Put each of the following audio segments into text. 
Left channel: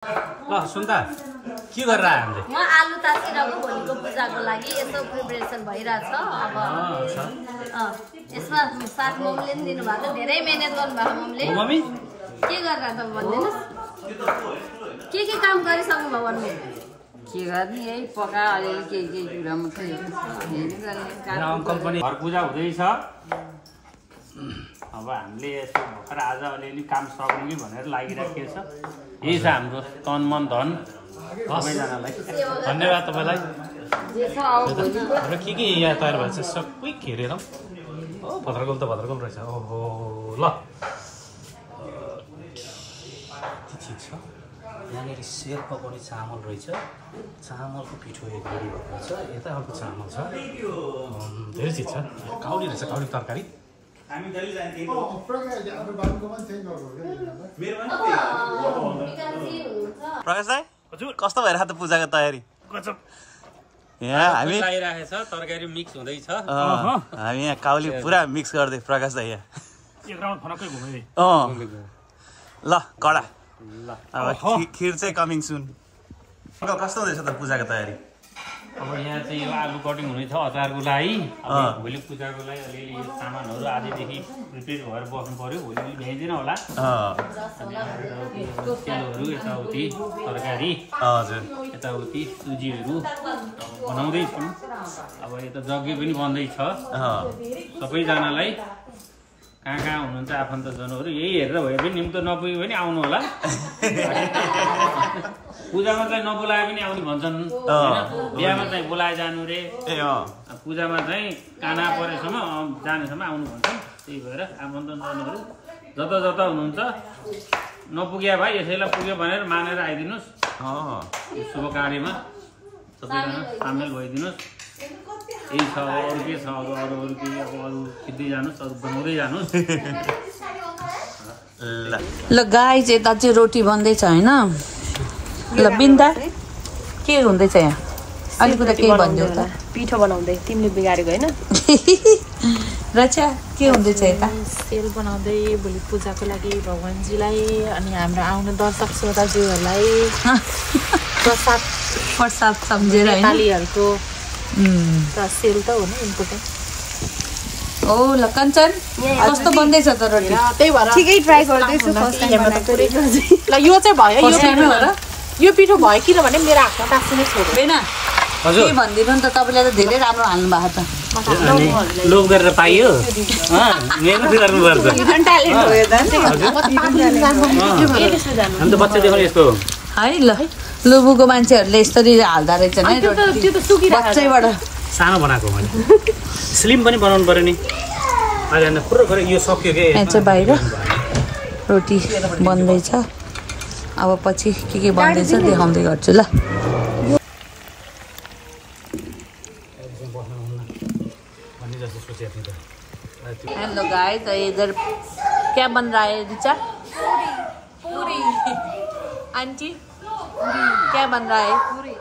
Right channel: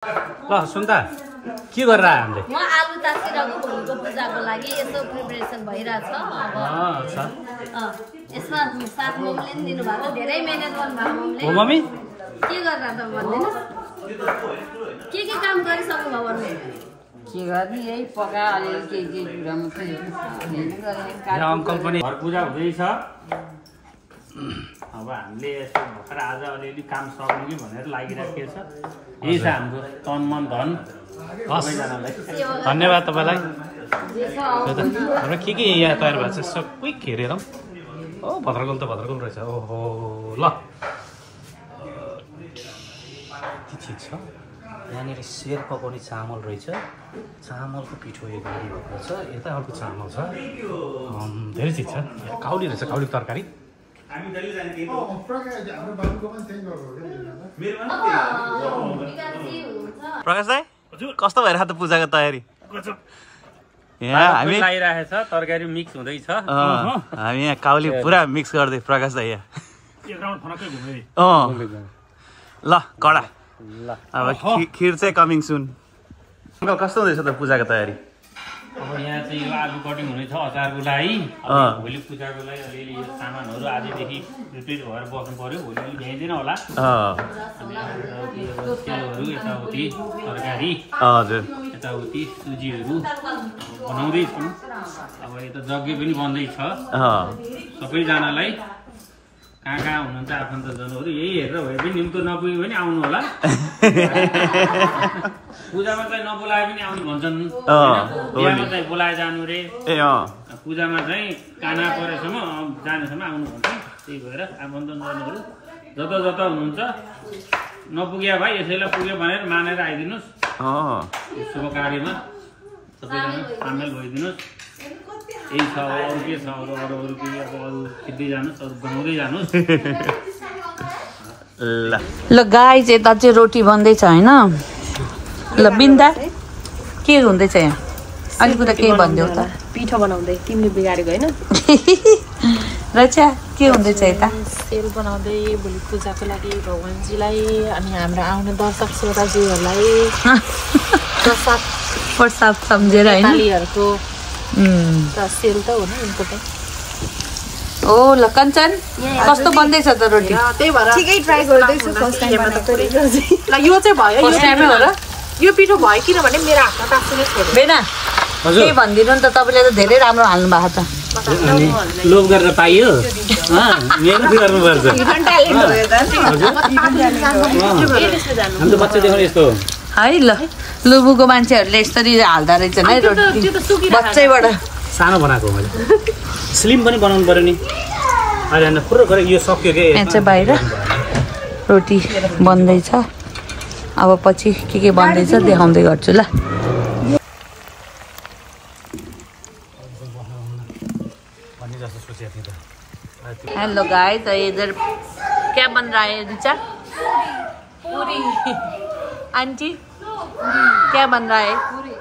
ल सुन्दा के गरेर आयो हामीले? म आलु तासिरहेको भोलिको पूजाको लागि यसो प्रिपरेसन भइरहेछ। अब यसमा साथ मम्मीले पनि दिनु भएको, धेरै मेहनत गर्नु भएको मम्मीले। हो मम्मी के गरेर त भन्दिनुस्, के काम गरिसक्नु भयो भन्नु? के गर्ने यही पका अलिअलि के कुरा मात्रै हो। अङ्कल पनि घर पूजा हुँदैछ। अब हामीले यसो भर्खर आज अलिअलि काम सक्नु कि भनेर लागिराखेको छ। यही छ हाम्रो तन मन धन। सबैजनालाई धन्यवाद तपाईँलाई। हाम्रो के यहाँ तयार भएको छ सबै हेरेर ओ भद्रगोल त भद्रगोल रहेछ। ओहो ल के चिज छ यहाँनिर? सेर पकाउने चामल रहेछ, चामलको पिठो एक गरी भएको छ, यता अर्को चामल छ, धेरै चिज छ। काउली रहेछ, काउली तरकारी। प्रकाश दाइ कस्तो भइरहेको त पूजाको तयारी? यहाँ हामी तरकारी मिक्स हुँदैछ। हामी यहाँ काउली पुरा मिक्स गर्दै प्रकाश दाइ यहाँ। ल कडा अब खिर चाहिँ कमिङ सुन। अङ्कल कस्तो हुँदैछ त पूजाको तयारी? अब यहाँ चाहिँ यो आलु कटिङ हुनेछ अचारको लागि। भोलि पूजाको लागि अलिअलि यो सामानहरू आजदेखि प्रिपेयर भएर बस्नु पर्यो। भोलि भ्याइँदैन होला। तेलहरू यताउति तरकारी हजुर यताउति सुजीहरू बनाउँदैछौँ। अब यता यज्ञ पनि बन्दैछ। सबैजनालाई कहाँ हुनुहुन्छ आफन्तजनहरू यही हेरेर भए पनि निम्तो नपुग्यो भने आउनु होला। पूजामा चाहिँ नबोलाए पनि आउनु भन्छन्, बिहामा चाहिँ बोलाए जानु रे। पूजामा चाहिँ काना परेसम्म जानेसम्म आउनु भन्छन्। त्यही भएर आफन्तजनहरू जता जता हुनुहुन्छ नपुग्या भाइ यसैलाई पुग्यो भनेर मानेर आइदिनुहोस्। शुभ कार्यमा सबैजना सामेल भइदिनुहोस्। यही छ, अरू के छ? अब अरू के अब अरू खिच्दै जानुहोस्, अरू बनाउँदै जानुहोस्। ल गाई चाहिँ यता चाहिँ रोटी बन्दैछ होइन? ल बिन्दा के हुँदैछ यहाँ? अलिक कुरा केही भनिदेऊ त। पिठो बनाउँदै तिमीले बिगारेको होइन? रचा के हुँदैछ यता? सेल बनाउँदै भोलि पूजाको लागि भगवान्जीलाई अनि हाम्रो आउने दर्शक श्रोताजीहरूलाई प्रसाद सम्झेर नेपालीहरूको सेल त हो नि इम्पोर्टेन्ट। ओ ल कञ्चन कस्तो बन्दैछ त रोटी? त्यही भएर ठिकै ट्राई गर्दैछु फर्स्ट टाइम बनाएको। ल यो चाहिँ भयो, फर्स्ट टाइमै हो र? यो पिठो भयो किनभने मेरो हातमा काट्नु छोड्यो। बेना के भनिदिनु नि त, तपाईँले त धेरै राम्रो हाल्नु भएको छ। लोभ गरेर पाइयो, मेहनत गर्नुपर्छ। हामी त बच्चा देखाउने यस्तो है। ल लुबुको मान्छेहरूले यसरी हाल्दा रहेछन् है रोटी बच्चैबाट। सानो बनाएको मैले, स्लिम पनि बनाउनु पर्यो नि। अहिले पुरो गरे यो सक्यो के? यहाँ चाहिँ बाहिर रोटी बन्दैछ। अब पछि के बन्दैछ देखाउँदै गर्छु ल। हेलो गाइस, इधर क्या बन रहा है रिचा? पूरी। आंटी क्या बन रहा है? पूरी।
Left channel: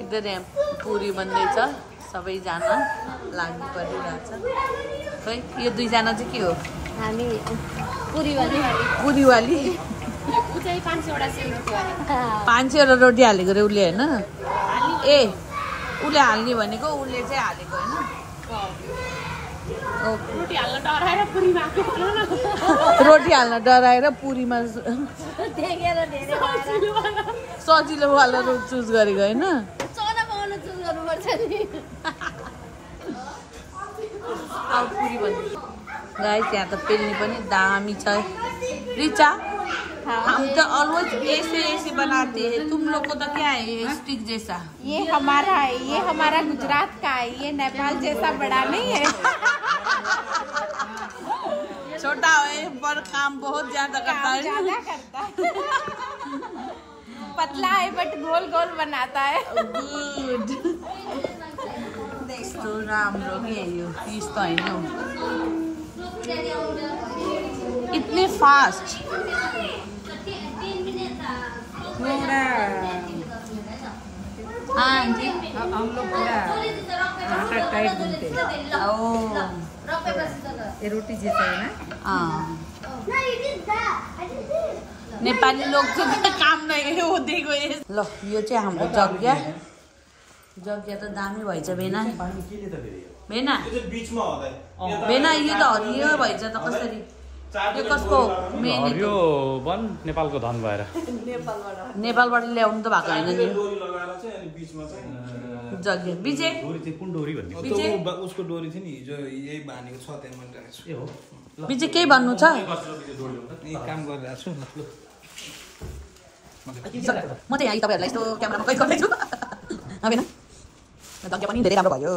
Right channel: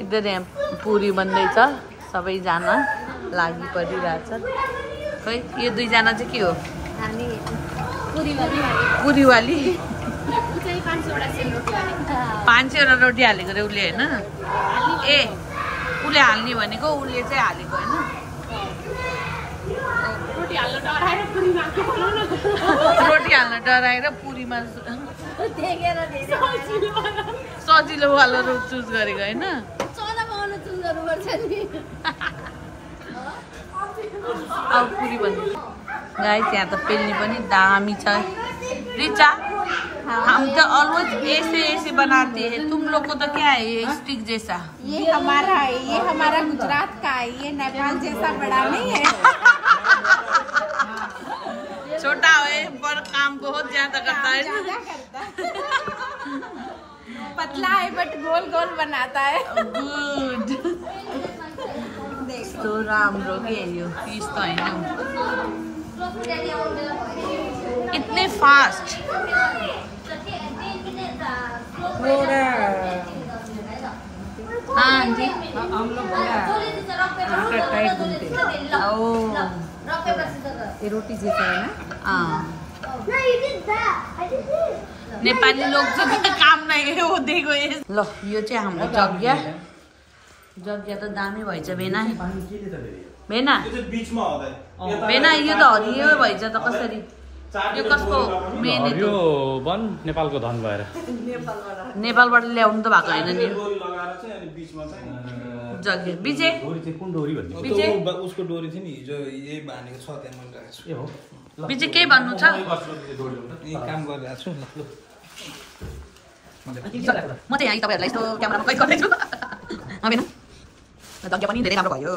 इधर यहाँ पूरी बन्दैछ, सबैजना लागि परिरहेछ। खै यो दुईजना चाहिँ के हो? पुरीवाली 500 रोटी हालेको रे उसले होइन? ए उसले हाल्ने भनेको उसले चाहिँ हालेको होइन? रोटी हाल्न डराएर पुरीमा सजिलोवाला रोट चुज गरेको होइन? अब पुरी भन्नु गाइस, यहाँ त पेल्ने पनि दामी छ। रिचा हम तो ऑलवेज ऐसे बनाते हैं, तुम लोग को तो क्या है ये स्टिक जैसा? ये हमारा गुजरात का है, ये नेपाल जैसा बड़ा नहीं है। छोटा है पर काम बहुत ज्यादा करता है। पतला है बट गोल गोल बनाता है। गुड। तो राम्रो के यो फिस त हैन इतने फास्ट। हाँ जी, हम लोग पूरा आटा टाइट घूमते हैं। ओ ये रोटी जैसा है ना? हाँ नेपाली लोग चाहिँ काम नै हुँदै गयो। ल यो चाहिँ हाम्रो जग्गा त दामी भएछ बेना बेना बेना यो त हरियो भएछ त कसरी यो कसको मेन यो वन नेपालको धन भएर नेपालबाट ल्याउनु त भएको हैन नि जग्गा बिजे डोरी चाहिँ कुन डोरी भन्ने उसको डोरी थियो नि हिजो यही बानेको छ त्यहाँ मैले राखेको छु ए हो बिजे केही भन्नु छ यही काम गरिरहेको छु ल म चाहिँ यहाँ तपाईहरुलाई यस्तो क्यामेरामा कैद गर्दै छु हैन जग्गा पनि धेरै राम्रो भयो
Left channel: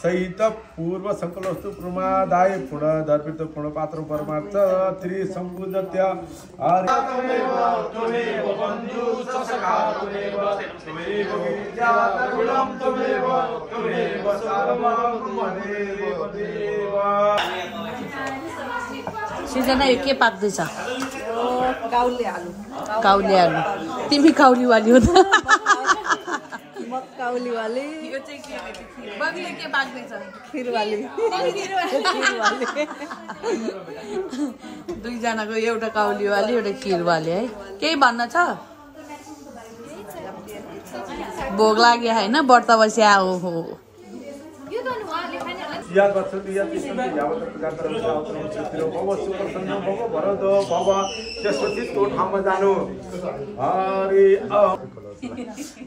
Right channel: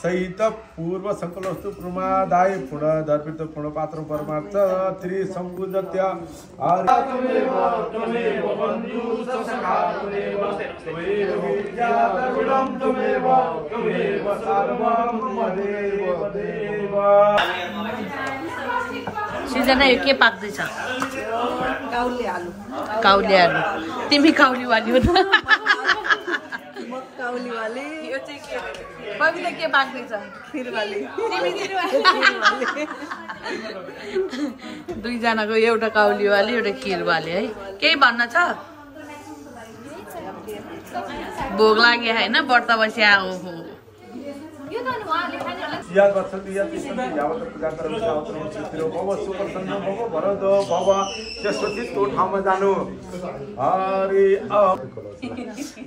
सहित पूर्व संकल्पस्तु प्रमादाय पुनः दर्पित पूर्ण पात्र परमार्थ त्रिसंबुद्धत्य सृजना यो के पाक्दैछ काउले आलु तिमी काउलीवाली हो त म काउलीवाली यो चाहिँ के बबिले के पाक्दैछ खिरवाली दुईजनाको एउटा काउलीवाली एउटा खिरवाली है केही भन्न छ भोग लाग्यो हैन व्रत बस्या हो या गच्छन्ति या तिष्ठन्ति यावत् पूजा कर्म सावत्रम चित्रो भव सुप्रसन्न भव भरद भव त्यसपछि त्यो ठाउँमा जानु हरि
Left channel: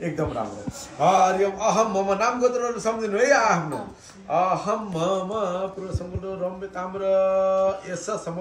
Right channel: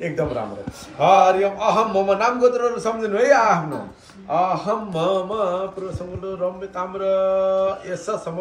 एकदम राम्रो हरि अहम मम नाम गोत्रहरू सम्झिनु है आफ्नो अहम मम पुरुषमुलो रम्य ताम्र यस सम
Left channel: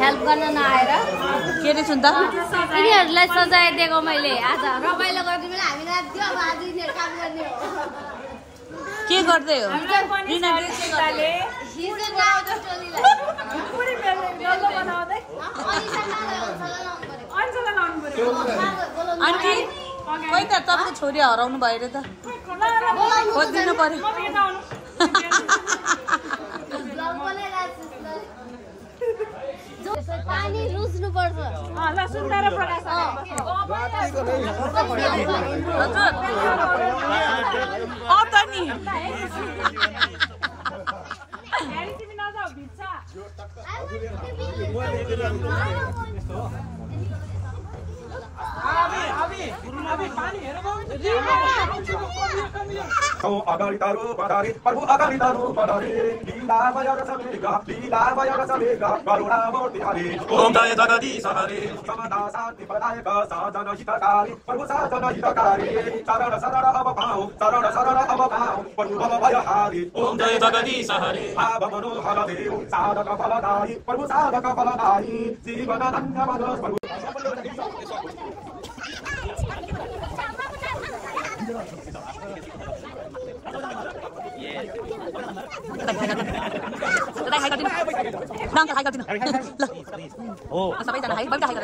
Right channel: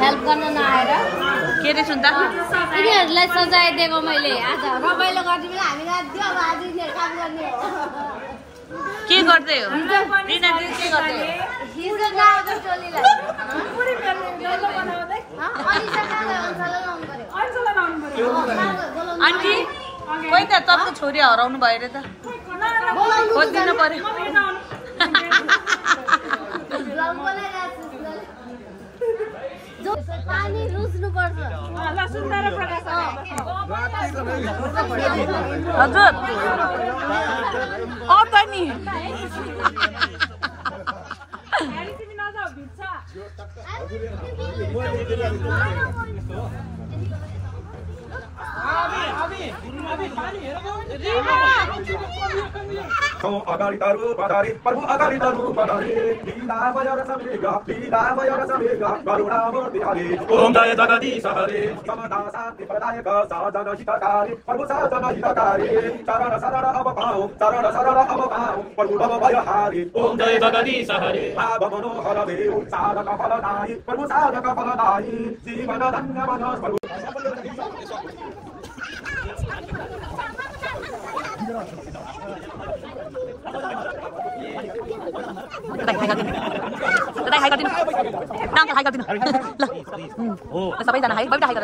हेल्प गर्न नआएर के रे सुन्दा यिनीहरूलाई सजाइदिएको मैले आज रमाइलो गर्ने बेला हामीलाई दियो अब आज यिनीहरू काम गर्ने के गर्दै हो रिनाले के गर्दै आन्टी खोइ त तपाईँको छोरी हराउनु भयो रे त खोजिदिनु पर्यो पानी रुच्नु पर्छ हजुर त नि अगाडि तारु पधारे प्रभु अगाडि तारु पधारे लीला बजार समेगा करुणा मूर्ति हरे ओम जय जगदीश हरे समदा शान्ति प्रदायक साधन हितकारी प्रभु साधन हितकारी शरण शरण अब पाऊ प्रभु भव भय हारी ओम जय जगदीश हरे भाव मनोहर देव साधक फलदायी प्रभु साधक फलदायी जीवन धन्य बनो प्रभु सबैजना हाई हाई